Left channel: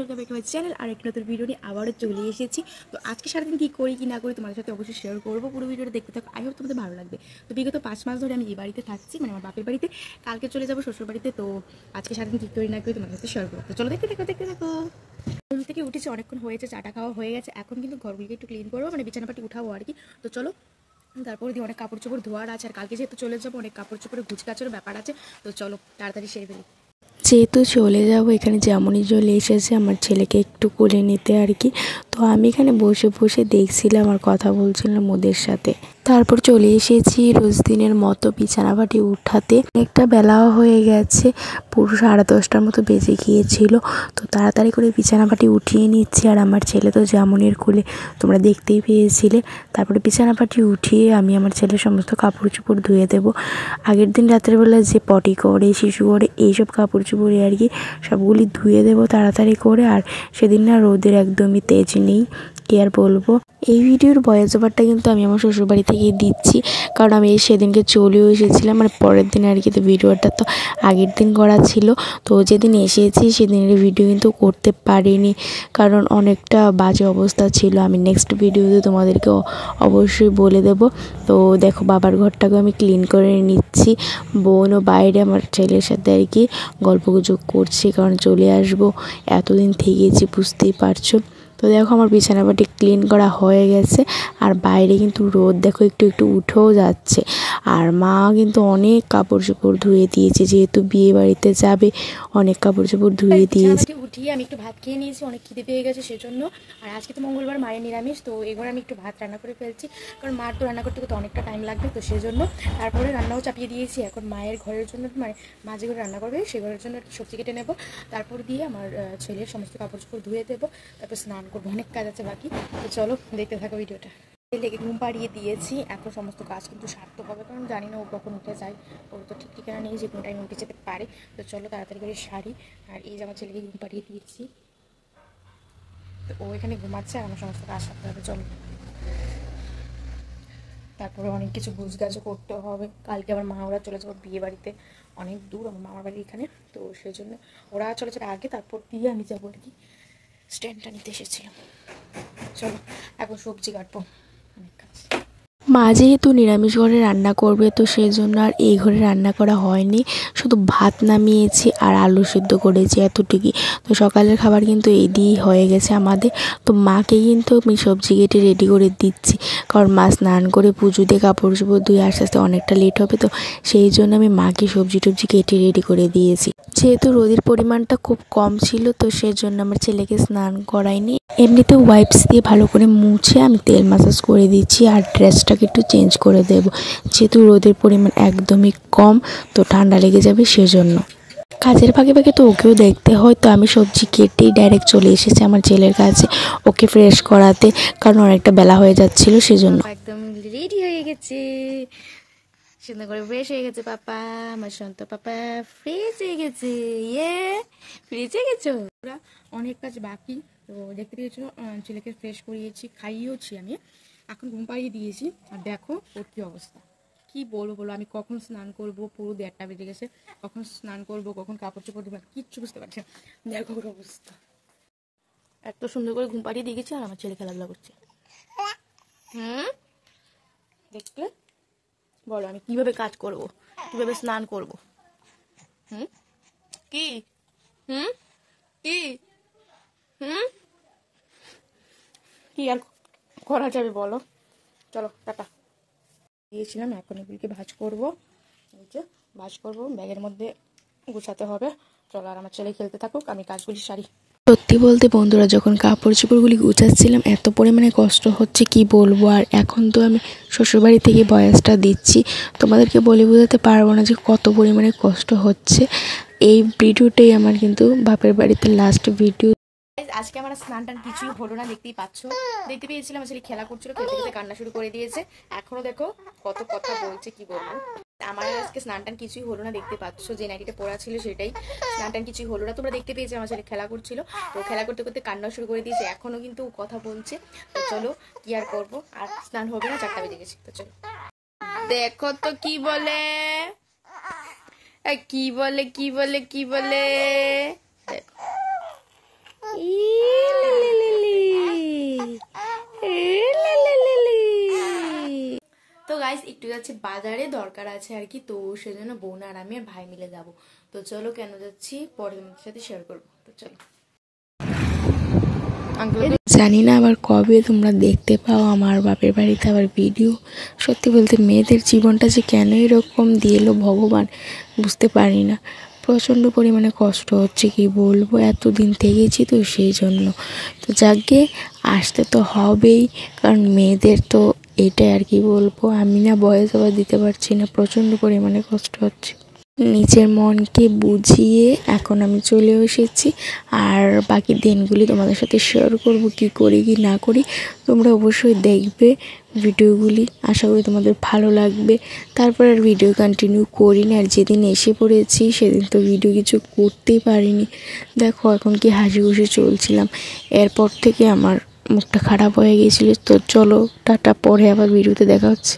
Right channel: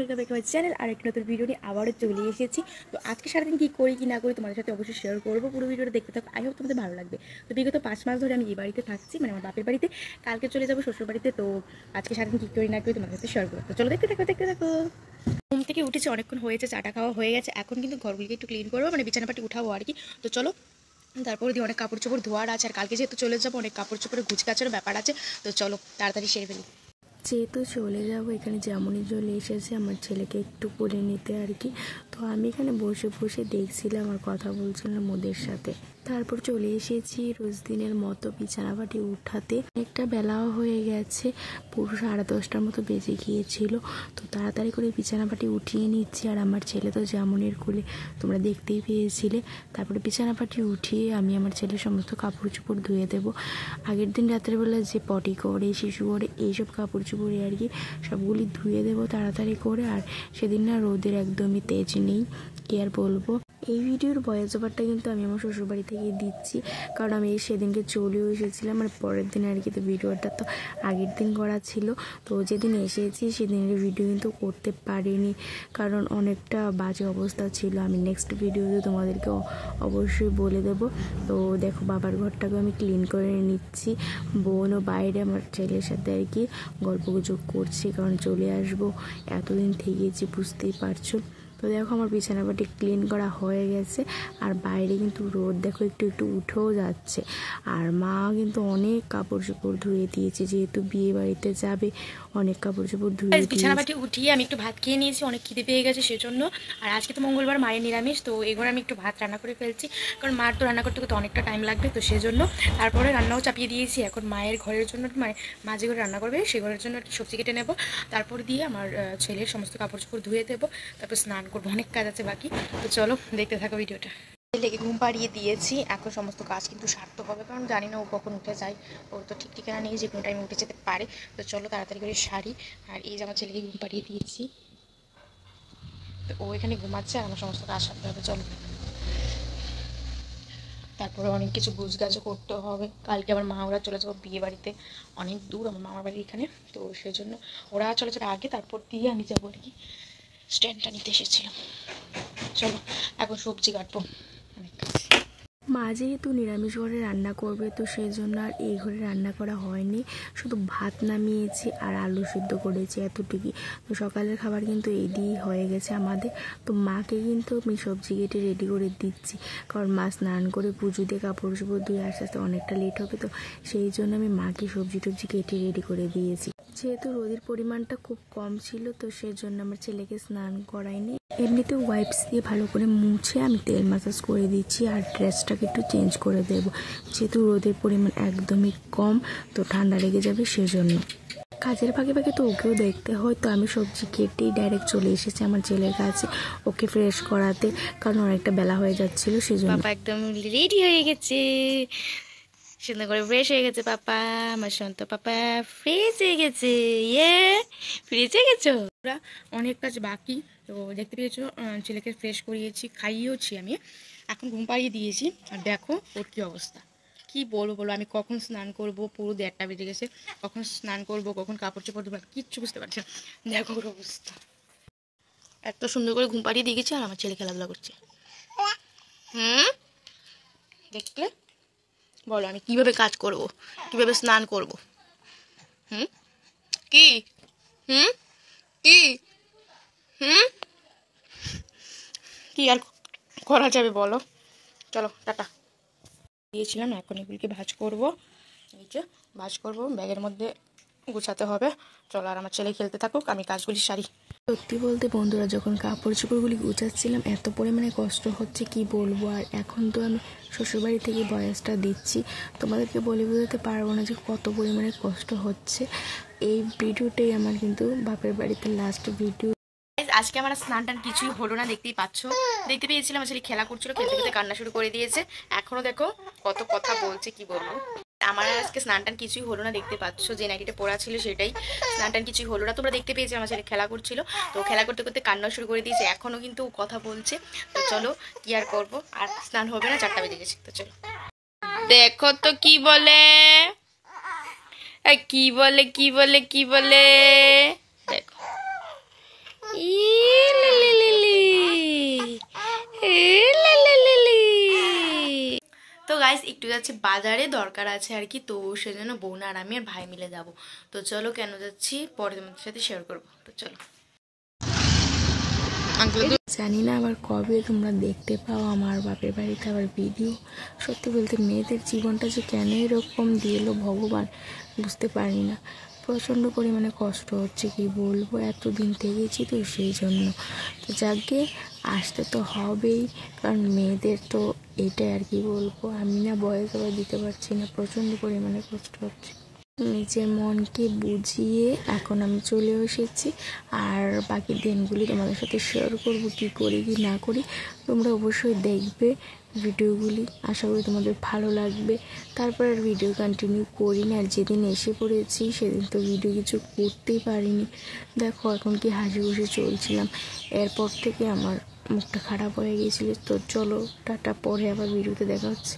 Welcome back to my channel. আর একটা নতুন ভিডিও নিয়ে আবারও চলে এসেছি। তো আজকে সারাদিন কী করি কি না করি তোমাদের সাথে অবশ্যই শেয়ার করবো। পুরো ভিডিওটা দেখতে থাকো, আই হোপ তোমাদের ভালো লাগবে। তো বিগত 5 মাস ধরে আমি এই বাড়িতে থাকছি, মানে আমার বাপের বাড়িতে। কালকে চলে যাবো শ্বশুর বাড়িতে। তো আজকে সারাদিন কী করি না করি তোমাদের সাথে শেয়ার করবো। তো চলো দেখতে থাকো। ঘুম থেকে উঠেছে, অনেকক্ষণ হয়েছে, চাটা খাওয়া হয়ে গেছে। এখন কিন্তু ঘরগুলিকে একটু ক্লিন করবো, মানে বিছানাপাটি উঠাবো আর কি। তো চলো, তারপরে দিয়ে অনেক কাপড় চোপড় ধোয়ার আছে, আর কালকে যেহেতু চলে যাবো অনেক কাপড় চোপড়ে গুছগাছেরও ব্যাপার আছে। তো চলো তাড়াতাড়ি সেরে ফেলি। যেহেতু চলে যাব, এখানে যেমনই চলে এসেছে আমার ছেলেকে একটু কোলে নিতে আর কি। তো আমি এখানে বসে বসে দেখছিলাম আর কথা বলছিলাম ওদের সাথে। তারপর চলে এসেছি রোজ দিনের মতো বিছানাপাটি উঠাতে। একটা বেলাও হয়ে গেছে, পুরো 10:30টার মতো বেজে গিয়েছিল। তো তাড়াতাড়ি করে বিছানাপাটি উঠিয়ে নিচ্ছি, আর আমার ছেলে তো যেমনের কোলে, তোমরা দেখতেই পেয়েছিলে। তারপরে বিছানাপাটি উঠিয়ে আমি আমার ছেলের সমস্ত কাপড় চোপড় ধুয়ে দেবো। আগের দিন রাত্রেবেলা যে পটি করে, শিশু করে, এইসব কাপড় চোপড়ে আর কি সবগুলি ধুয়ে দেবো তাড়াতাড়ি করে। আর সেদিন না রোদের একদমই তেজ নেই, কি আর বলবো। এই ভিডিওর ভয়েস ওভারটা কিন্তু আমি আমার শ্বশুরবাড়ি থেকেই দিচ্ছি, কারণ আমি সেদিনকে চলেও এসেছিলাম। আর পরের দিন আর কি, তো ভিডিওটা তো আগের দিন করা ছিল। তো যেদিন এসেছি সেদিনের ভিডিও কিন্তু করতে পারিনি, কারণ অনেকটা বাজে অবস্থা ছিল। আমি নেক্সট ভিডিওতে তোমাদেরকে অবশ্যই বলে দেব। তো দেখো, বাবার ঘরটাকে আমি ক্লিন করে নিচ্ছি। বোনও বাইরে আমার ছেলের সাথে আর কি গল্পগুজব করছে, কারণ চলে আসবো, এতদিন থেকেছি, বুঝতেই পারছো। তো দেখো, আমার বিছানাপাটি ক্লিন করা হয়ে গেছে। আর বাইরে কিন্তু রোদ দেখো একটু একটু উঠেও যাচ্ছে। আর মা কিন্তু অনেক কাপড় চোপড় ধুয়ে দিয়েছে, যেহেতু বিয়ে বাড়িতে যাবে, অনেক কাপড় চোপড় ধুয়ে দিয়েছে। বিছানাপাটি উঠিয়ে আমি একটু ভাত খেয়ে নিয়েছি, অনেক খিদে পেয়ে গেছে সেজন্য। আর আজকে তো মঙ্গলবার, মায়ের নিরামিষ। তো এবার আমি একটু ভাত রান্না করে ফেলছি, কারণ মার তো রান্না করতে করতে অনেকটা টাইম লাগবে। তো সেজন্য তারপরে রান্নাও চাপিয়ে দিয়েছি। এখন মায়ের ঘরের জন্য, মানে মা যে ঘরে রান্না করবে সেই ঘরের জন্য একটু সবজি কেটে নেবো। তারপর দিয়ে আমার ছেলের সমস্ত কাপড় চোপড় ধুয়ে দেবো, তারপর স্নান করবো, অনেক কাজ আছে বাকি। তো চলো দেখতে থাকো ভিডিওটা। ছেলেকে ঘুম পাড়িয়ে দিয়েছি, এখন সমস্ত কাজ কিন্তু সারতে হবে, কারণ জানি না ও কখন উঠে যায়। ও তো ঠিক ঠিকানা নেই যে কোনো টাইমে উঠে যেতে পারে। তো চলো তাড়াতাড়ি করে সারি। আর এই যে আমার ছেলেকে ঘুম পাড়িয়ে দিয়েছি, তো ও এখানে ঘুমাচ্ছে, আর আমার সমস্ত কাজ সারতে হবে। চলো, তারপরে অনেক কিছু গুছগাছও করতে হবে। কালকে আমার মা ওরা চলে যাবো বিয়ে বাড়িতে, অনেক দূর আমার মামার বাড়ি এখানে। তো সেই জন্য ওরা চলে যাবে আগে, তারপর দিয়ে আমি যাবো আর কি। স্ট্যান্ডটা নিতে এসেছিলাম। চলো এখন সবজি কাটবো, অনেক কাজ। মা যেহেতু নিরামিষ ঘরে রান্না করবে, তো সেই জন্য আর এই ঘরে রান্না করা হয়নি, শুধু ভাত নামিয়েছি আর আলু সিদ্ধ করেছি, এতটুকুই। তো সকালের খাবার কিন্তু এই দিয়েই হয়ে গেছে আমাদের। তো মাকে কিন্তু আমি সবজি কেটে রেডি করে দিচ্ছি, কারণ মা স্নান করে পুজো দিয়ে কাপড় চোপড় ধুয়ে আস্তে আস্তে অনেকটা লেট হবে। তো সেই জন্য আমি মাকে সবজি টবজি কেটে রেডি করে দিয়েছি। যেহেতু রোদের পরিমাণটা খুব কম ছিল, তো সেই জন্য আমার ছেলেকে স্নান করাইনি। এমনিতে ওয়াইপস দিয়ে ভালো করে মুছে আমি তেল ম্যাসাজ করে দিচ্ছি, আর ড্রেসটাকে একটু চেঞ্জ করে দেব, যেহেতু রোদের পরিমাণ একদমই কম, তো ঠান্ডা লেগে যাবে সেজন্য। কাজের ফাঁকে ফাঁকে তো ওকেও দেখতে হয়। তো আমি সবজি কেটেই ডাইরেক্ট চলে এসেছি আমার ছেলের কাছে, ওকে ফ্রেশ করাতে, কারণ অনেকটা বেলা হয়ে যাচ্ছিল সেজন্য। একদম রেডি হয়ে গেছে, সুন্দর করে ফ্রেশ হয়ে গেছে পাপা। আমার সন্ত পাপা ফ্রেশ হয়ে গেছে। ইয়ে, ফ্রেশ হয়ে গেছো? ওরা অনেক কাজ বাকি। তো দেখতে পেয়েছো, ছেলেকে ফ্রেশ করিয়েছি, খাইয়েওছি আমি, এখন ঘুম পাড়িয়ে দিয়েছি। আর দেখো ওর কী অবস্থা, কি বলবো, আমি কখন স্নান করব, পুরো 1:30 বেজে গেছে। কখন স্নান করব, কখন কাপড় চোপড় দেবো, কিচ্ছু বুঝতে পারছি না। দেখো ওর অবস্থা, এত সুন্দর করে ঘুম পাড়িয়ে দিয়ে গেছি, আর আমার ছেলে খেলাধুলা করছে। দেখলে বলো আমি কিভাবে কাজ করব, কিভাবে স্নান করব? কি কি কি আর করা যাবে বলো। চলো টাটা। দিয়েছিলাম, এখন এগুলিকে ভাজ করব, এই যে ভাজ করব, ব্যাগের মধ্যে গুছাতে হবে। চলো, আর আমার ছেলে খেলতে থাকুক, আমি কাজগুলি সারি। সত্যি বলতে বন্ধুরা, যখন কাপড় চোপড়গুলি গুছাচ্ছিলাম এত পরিমাণে কষ্ট হচ্ছে কি বলবো। আর এখন তো আমি শ্বশুরবাড়ি থেকে ভয়েসটা দিচ্ছি, তোমাদেরকে বলে বোঝাতে পারবো না যে কত পরিমাণে কষ্ট হচ্ছে। এই ভিডিওটাই আমার কিন্তু বাপের বাড়িতে লাস্ট ভিডিও। আজকে আমার স্নান টান কিছুই হলো না, দেখতেই পাচ্ছ। দেখতে পেয়েছিলাম আসলে খেলা করছিল, খেলতে খেলতে কান্না শুরু করে দিয়েছে। এখনো দেখো কত কথা বলছে, কি বলবো। আমার আজকে স্নান টান কিছুই হলো না, দেখতে পাচ্ছ যে নাইটিটা পরা ছিল সেটাই, স্নান টান কিছুই হলো না। তোমরা দেখতে পেয়েছি আমার ছেলে খেলা করছিল, তো খেলা করতে করতে কান্না শুরু করে দিয়েছে, এখনো কিন্তু কথা বলছে। তো চলো কি আর করবো, আর স্নান হবে না, 4টা বেজে গেছে। তো চলো দেখো তো কি বলে, কি বলে দেখো। তো গাইস একটু যাচ্ছি বাজারে, দরকার আছে আর কি, তো সেজন্য বোন আর আমি আর ভাই মিলে যাব। তো চলো কেন যাচ্ছি পরে তোমাদের সাথে শেয়ার করবো। তো চলো। জানি না আবার কবে তোমরা দেখতে পাও আমার বাপের বাড়িতে আবার ভিডিও। সত্যি বলতে মেয়েদের জীবনটা যে কেন এরকম দিয়ে এলো ভগবান বুঝতে পারি না। প্রচণ্ড পরিমাণে কষ্ট হচ্ছে, কি বলবো, এতদিন থেকেছি তো সেই জন্য। তো যাকে আসতে তো হবেই, কারণ মেয়েদের তো এটাই আর কি বলবো। আমি না বয়স আবার দিতে পারছি না, প্রচণ্ড পরিমাণে কষ্ট হচ্ছে। নিজের মনকে বুঝিয়ে এখন আমি চলে এসেছি, আর বাকি দিনগুলি তোমাদের সাথে শেয়ার করব কি করি কি না করি। তোমরা অবশ্যই দেখবে ভিডিওগুলি, আশা করি তোমাদের ভালো লাগবে। তারপর আর ভিডিও কন্টিনিউ করি না, আর যেদিন এসে পড়েছি সেদিন তো ভিডিও কিছু করতেই পারিনি। দেখো এখন কি হাসি খুশি চলছিলাম, এরপর থেকে আমার মুখটা খারাপ হয়ে গিয়েছিল। তো চলো টাটা, পরে আবার ভিডিওতে দেখা হচ্ছে।